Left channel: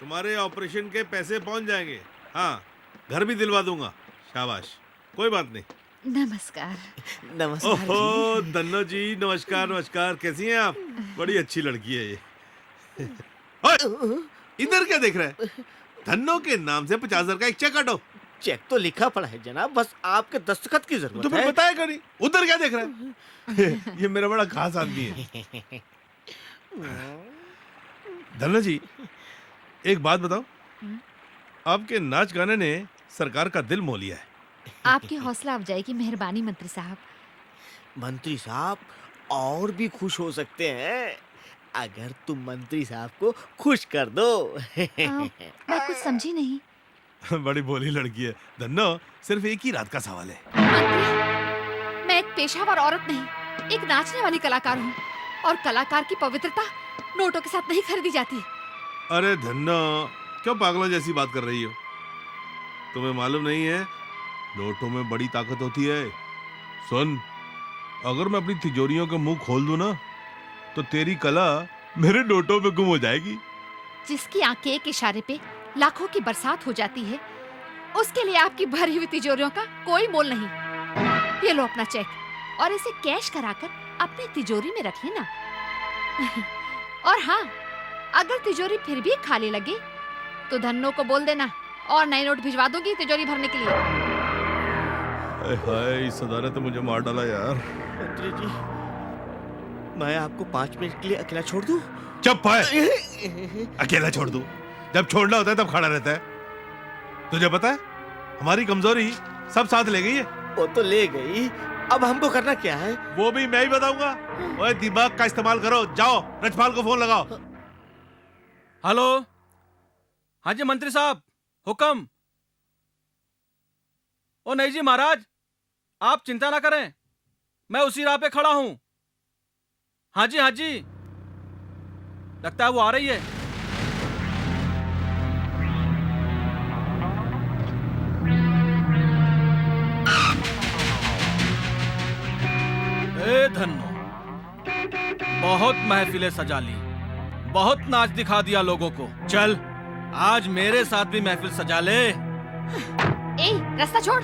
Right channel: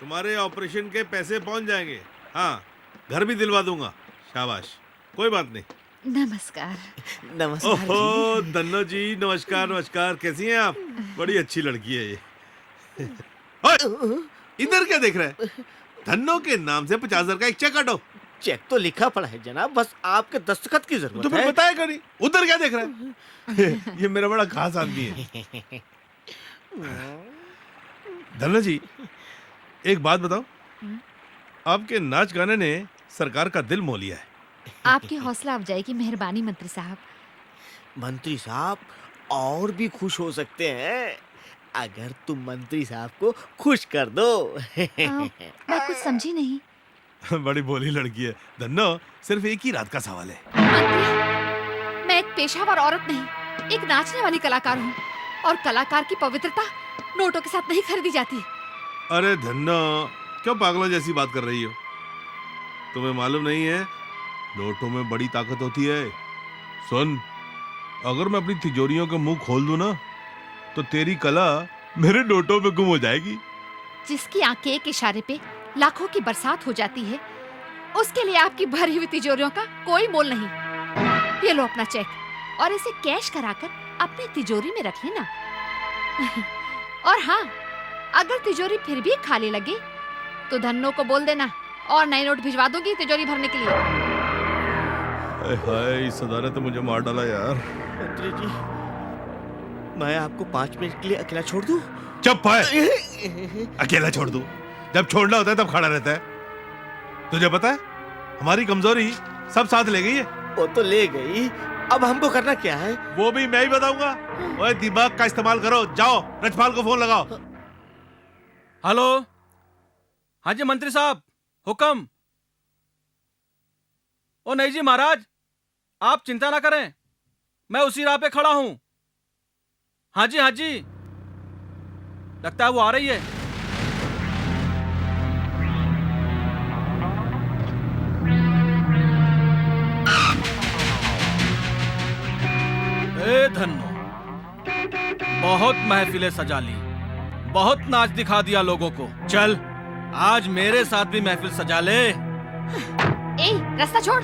तुम्हारे ऑपरेशन के पैसे पहुंच जाएंगे। हाँ, घर भी दिलवा दूंगा। शाबाश, कोई बात नहीं। नमस्कार। नमस्कार ओहो धन्नो जी, नमस्कार नमस्कार। कैसी हैं आप? बड़ी अच्छी लड़की है ये। ओए, इधर क्या देख रहे हैं? धन्नो के नाम से 50,000 का एक चेक काटो। चेक तो लिखा पड़ा है जनाब, बस आपके दस्तखत की जरूरत तो फिर है। बताया करी, उधर क्या देख रहे हैं? ये मेरा बड़ा खास आदमी है। धन्नो जी, एक बात बताओ, आपके नाच गाने ने सरकार का दिल मोह लिया है। आपकी हौसला अफजाई की मेहरबानी मंत्री साहब। मंत्री साहब और भी खुश हो सकते हैं अगर तुम मंत्री साहब को खुश कर दो। मैं कुछ समझी नहीं। बड़ी भोली लड़की है। धन्नो, सिर्फ एक ही रात का सवाल है। मंत्री, मैं एक पेशावर औरत नहीं, एक नाचने वाली कलाकार हूँ, और कलाकार की पवित्रता नोटों के साथ नहीं खरीदी जाती। अरे धन्नो, क्यों पागलों जैसी बात कर रही हो? तुम्हें मालूम नहीं है, नोटों में बड़ी ताकत होती है। सुन, अगर मैं अपनी तिजोरियों के मुंह खोल दूं ना, तो तेरी कला मेरे नोटों में गुम हो जाएगी। जिसकी आंख के एक इशारे पे लाखों की बरसात हो जाती है, उसके लिए आपकी भरी हुई तिजोरियों का कोई मोल नहीं। ये लो अपना चेक, और इसे कैश कराकर अपनी तिजोरी में रख लेना। और हाँ, अगर तिजोरी फिर भी खाली लगे तो धन्नो को बोल देना, और नए नोट भिजवा दूंगी तिजोरी भरने के लिए। हाय, इस सदा ने तो मुझे मार डाला यार। मंत्री जी, मैं आपको 5 मिनट के लिए अकेला छोड़ दूं? चुप है। अकेला छोड़ दूं? जब छोड़ना होता है तब खड़ा रहता है। तुझे पता है, हमारी कमजोरी सब साथ ले गई है। वो तो ले गई, अब हमको करना क्या है? वो भी मैं ही बताऊंगा। ओए, दिमाग का इस्तेमाल करो। जाओ, रजपाल को फोन लगाओ। हेलो, हाँ जी मंत्री साहब, हुक्म। ओ नहीं जी महाराज, आप चिंता ना करें, मैं उसी राह पे खड़ा हूं। हाँ जी हाँ जी, लगता है वो आ रही है। ए धन्नो, बहुत महफिलें सजा ली, बहुत नाच दिखा दिया लोगों को। चल, आज मेरे साथ भी महफिल सजा ले। ए, रास्ता छोड़।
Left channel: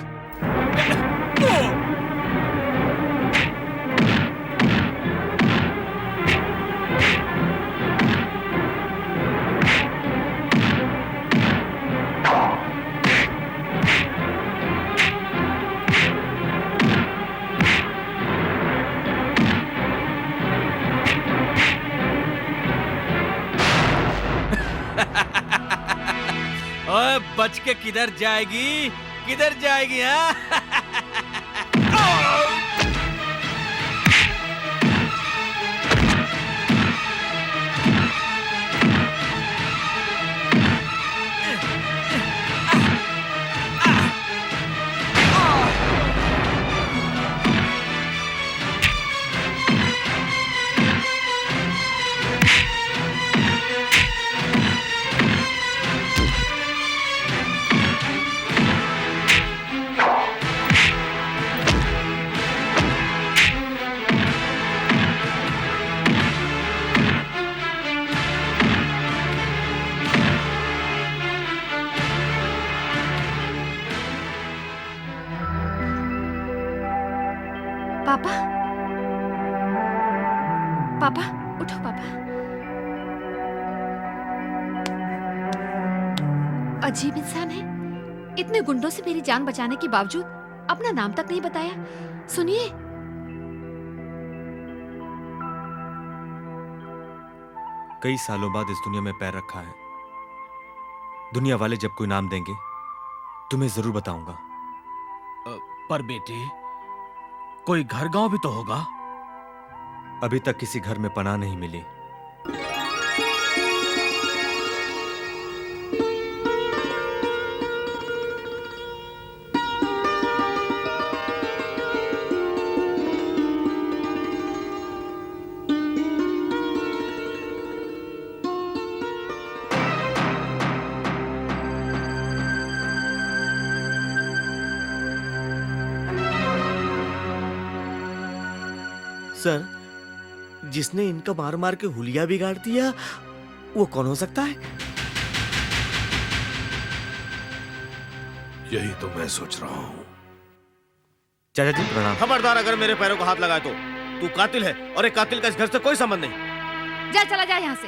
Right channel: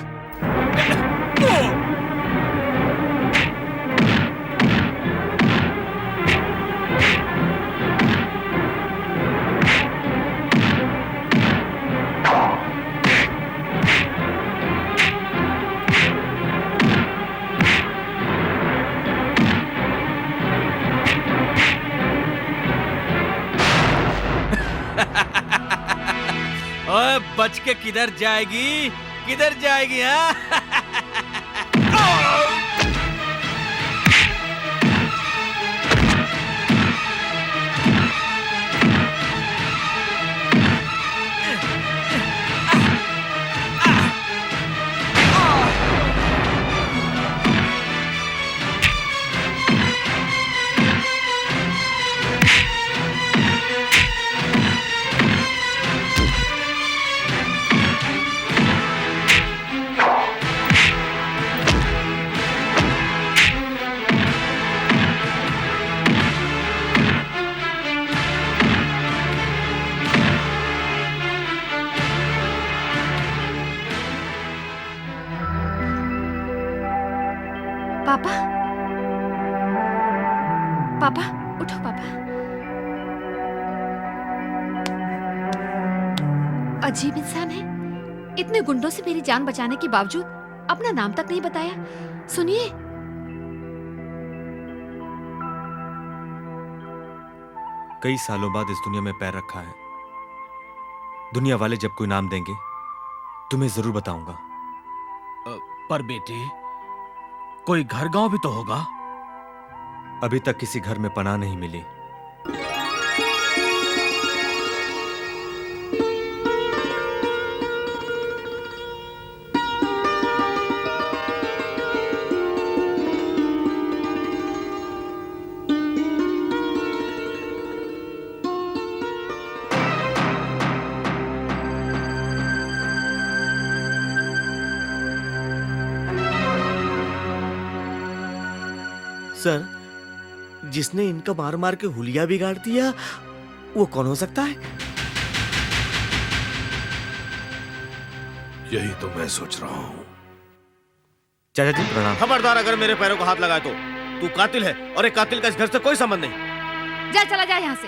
ओए, बच के किधर जाएगी, किधर जाएगी? हाँ पापा, पापा, उठो पापा। अजीब इंसान है, इतने गुंडों से मेरी जान बचाने के बावजूद अपना नाम तक नहीं बताया। सुनिए, कई सालों बाद इस दुनिया में पैर रखा है। दुनिया वाले जब कोई नाम देंगे तुम्हें जरूर बताऊंगा। पर बेटी, कोई घर गांव भी तो होगा। अभी तक किसी घर में पनाह नहीं मिली। सर, जिसने इनका मार मार के हुलिया बिगाड़ दिया, वो कौन हो सकता है? यही तो मैं सोच रहा हूँ। चाचा जी प्रणाम। खबरदार, अगर मेरे पैरों को हाथ लगाए तो तू कातिल है, और एक कातिल का इस घर से कोई संबंध नहीं। जा, चला जा यहाँ से।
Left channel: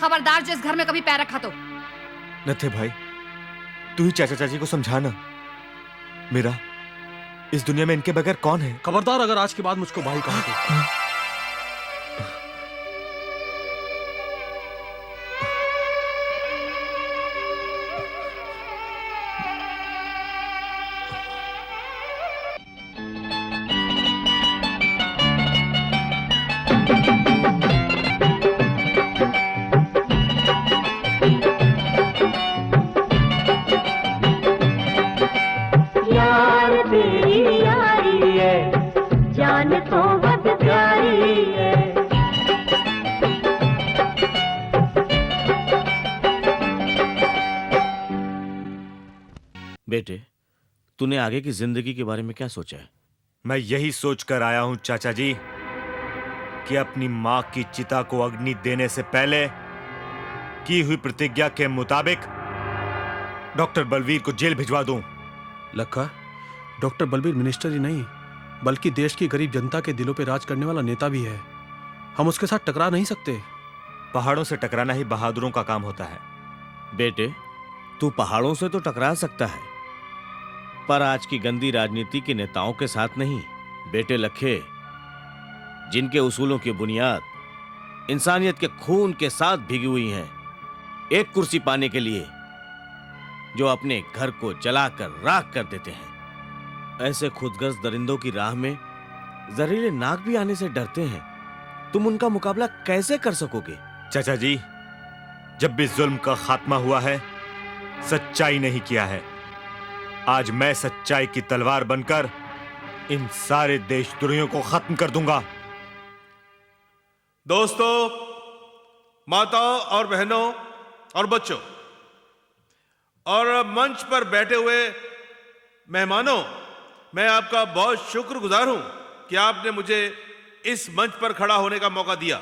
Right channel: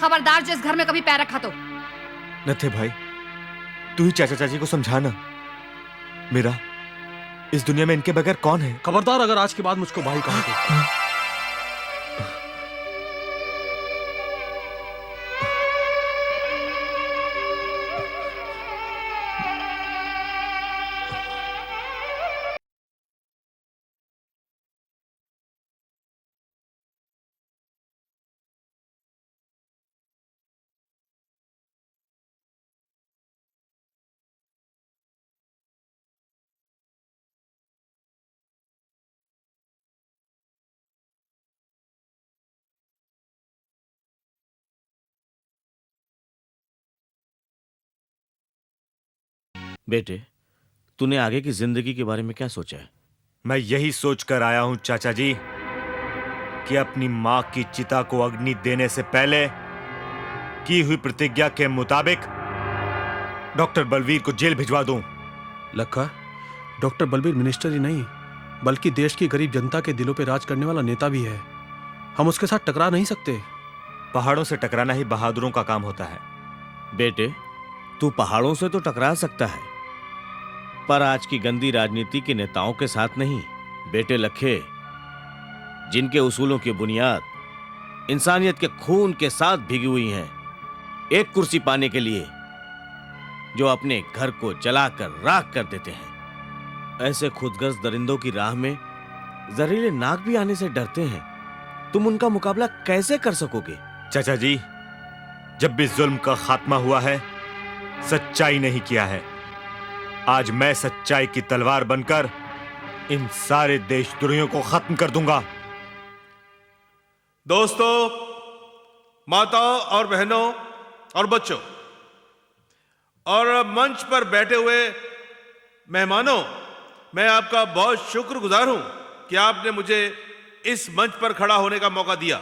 खबरदार जो इस घर में कभी पैर रखा तो। नथे भाई, तू ही चाचा चाची को समझाना। मेरा इस दुनिया में इनके बगैर कौन है? खबरदार अगर आज के बाद मुझको भाई कहा तो। यार तेरी यारी है, जान तो बहुत प्यारी है। बेटे, तूने आगे की जिंदगी के बारे में क्या सोचा है? मैं यही सोच कर आया हूं चाचा जी कि अपनी मां की चिता को अग्नि देने से पहले की हुई प्रतिज्ञा के मुताबिक डॉक्टर बलवीर को जेल भिजवा दूं। लखा, डॉक्टर बलबीर मिनिस्टर ही नहीं बल्कि देश की गरीब जनता के दिलों पे राज करने वाला नेता भी है। हम उसके साथ टकरा नहीं सकते। पहाड़ों से टकराना ही बहादुरों का काम होता है। बेटे, तू पहाड़ों से तो टकरा सकता है, पर आज की गंदी राजनीति के नेताओं के साथ नहीं। बेटे लखे, जिनके उसूलों की बुनियाद इंसानियत के खून के साथ भीगी हुई है, एक कुर्सी पाने के लिए जो अपने घर को जलाकर राख कर देते हैं, ऐसे खुदगर्ज दरिंदों की राह में जहरीले नाग भी आने से डरते हैं। तुम उनका मुकाबला कैसे कर सकोगे? चाचा जी, जब भी जुल्म का खात्मा हुआ है, सच्चाई नहीं किया है। आज मैं सच्चाई की तलवार बनकर इन सारे देशद्रोहियों को खत्म कर दूंगा। दोस्तों, माताओं और बहनों और बच्चों और मंच पर बैठे हुए मेहमानों, मैं आपका बहुत शुक्रगुजार हूं कि आपने मुझे इस मंच पर खड़ा होने का मौका दिया।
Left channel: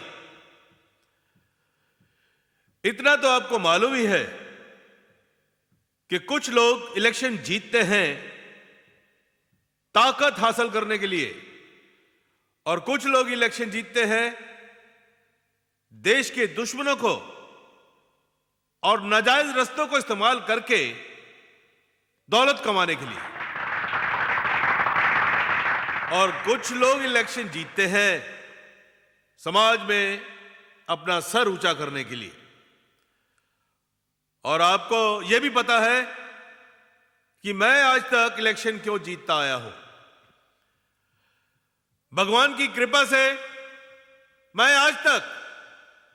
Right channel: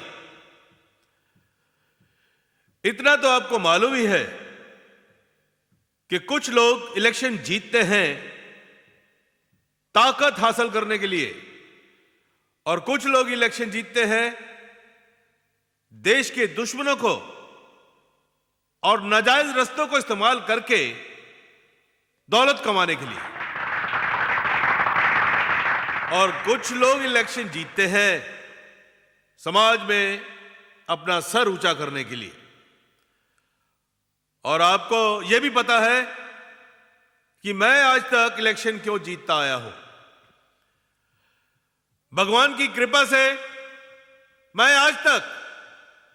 इतना तो आपको मालूम ही है कि कुछ लोग इलेक्शन जीतते हैं ताकत हासिल करने के लिए, और कुछ लोग इलेक्शन जीतते हैं देश के दुश्मनों को और नाजायज रस्तों को इस्तेमाल करके दौलत कमाने के लिए, और कुछ लोग इलेक्शन जीतते हैं समाज में अपना सर ऊंचा करने के लिए। और आपको यह भी पता है कि मैं आज तक इलेक्शन क्यों जीतता आया हूं। भगवान की कृपा से मैं आज तक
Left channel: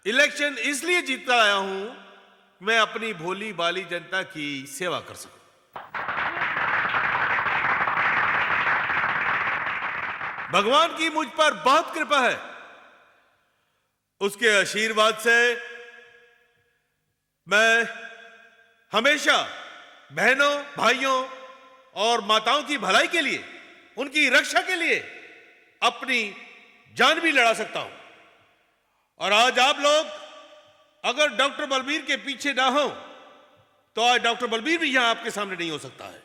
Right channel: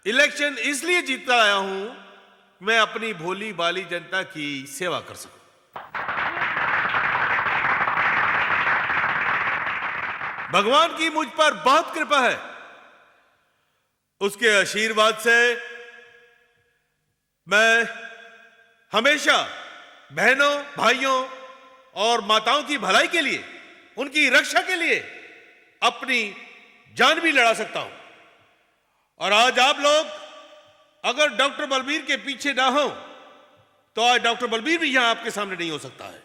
इलेक्शन इसलिए जीतता आया हूं, मैं अपनी भोली भाली जनता की सेवा कर सकूं। भगवान की मुझ पर बहुत कृपा है। उसके आशीर्वाद से मैं हमेशा बहनों, भाइयों और माताओं की भलाई के लिए, उनकी रक्षा के लिए अपनी जान भी लड़ा सकता हूं। और आज आप लोग अगर डॉक्टर बलबीर के पीछे ना हो तो आज डॉक्टर बलबीर भी यहां आपके सामने नहीं हो सकता है।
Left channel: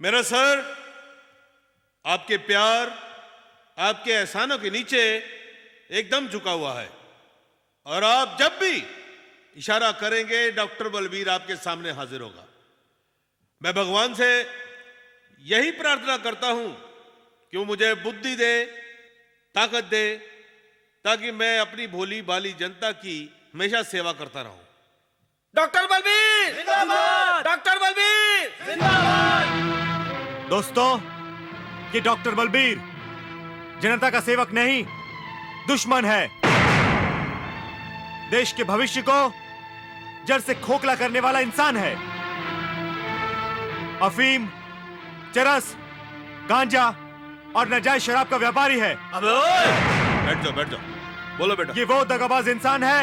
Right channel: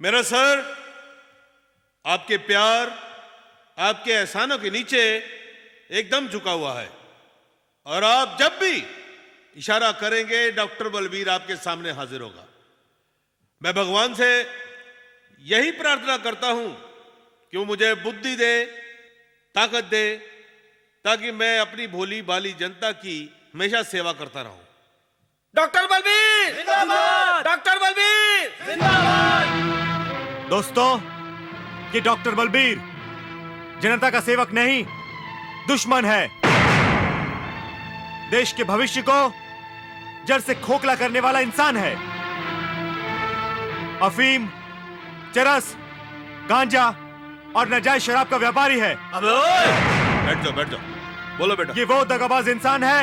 मेरा सर आपके प्यार, आपके एहसानों के नीचे एकदम झुका हुआ है, और आप जब भी इशारा करेंगे डॉक्टर बलबीर आपके सामने हाजिर होगा। मैं भगवान से यही प्रार्थना करता हूं कि वो मुझे बुद्धि दे, ताकत दे, ताकि मैं अपनी भोली भाली जनता की हमेशा सेवा करता रहूं। डॉक्टर बलबीर जिंदाबाद! डॉक्टर बलबीर जिंदाबाद! दोस्तों, ये डॉक्टर बलबीर जनता का सेवक नहीं, दुश्मन है। देश के भविष्य को जड़ से खोखला करने वाला इंसान है। अफीम, चरस, गांजा और नाजायज शराब का व्यापारी है। अबे ओए! बैठ जाओ, बोलो बेटा। ये वो दगाबाज इंसान है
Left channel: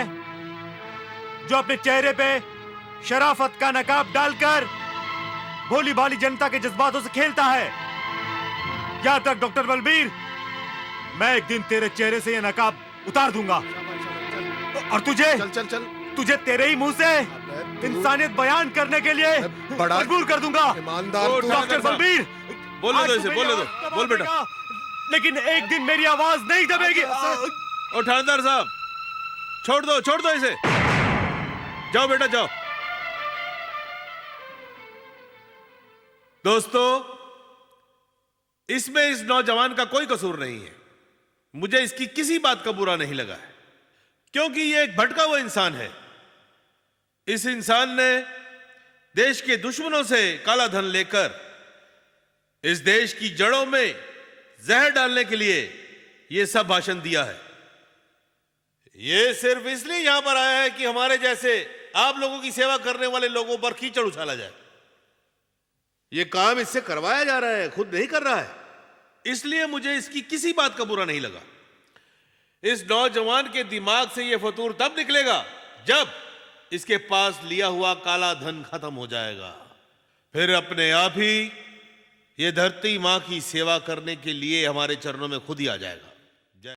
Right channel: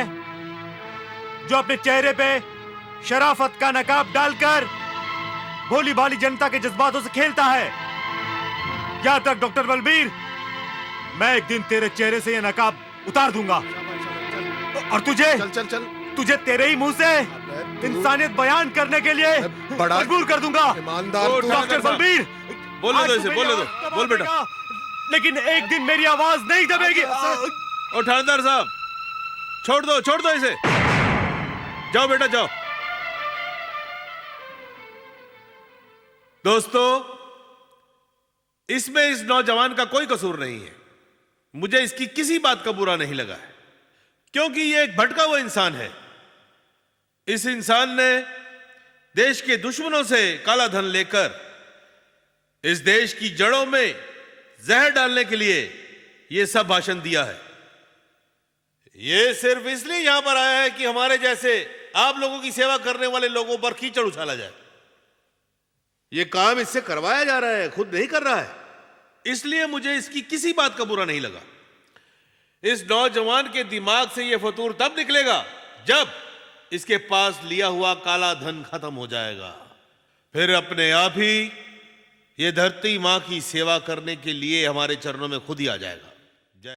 जो अपने चेहरे पे शराफत का नकाब डालकर भोली भाली जनता के जज्बातों से खेलता है। याद तक डॉक्टर बलबीर, मैं एक दिन तेरे चेहरे से ये नकाब उतार दूंगा। और तुझे चल तुझे तेरे ही मुंह से इंसानियत बयान करने के लिए बड़ा मजबूर कर दूंगा। ईमानदार ओ, तू डॉक्टर बलबीर, बोलने आज दो तो इसे, मेरी बोलने दो, आवाज दबा बोल बेटा। देगा, लेकिन एक दिन मेरी आवाज नहीं दबेगी। ओ थानेदार साहब, छोड़ दो इसे। जाओ बेटा जाओ। दोस्तों, इसमें इस नौजवान का कोई कसूर नहीं है। मुझे इसकी किसी बात का बुरा नहीं लगा है, क्योंकि ये एक भटका हुआ इंसान है। इस इंसान ने देश के दुश्मनों से काला धन लेकर इस देश की जड़ों में जहर डालने के लिए यह सब भाषण दिया है। ये सिर्फ इसलिए यहां पर आया है कि हमारे जैसे आप लोगों की सेवा करने वाले लोगों पर कीचड़ उछाला जाए। ये काम इससे करवाया जा रहा है, खुद नहीं कर रहा है। इसलिए मुझे इसकी किसी बात का बुरा नहीं लगा। इस नौजवान के दिमाग से यह फतूर तब निकलेगा जब इसके पास लिया हुआ काला धन खत्म हो जाएगा। फिर अपने आप ही ये धरती मां की सेवा करने के लिए हमारे चरणों में खुद ही आ जाएगा।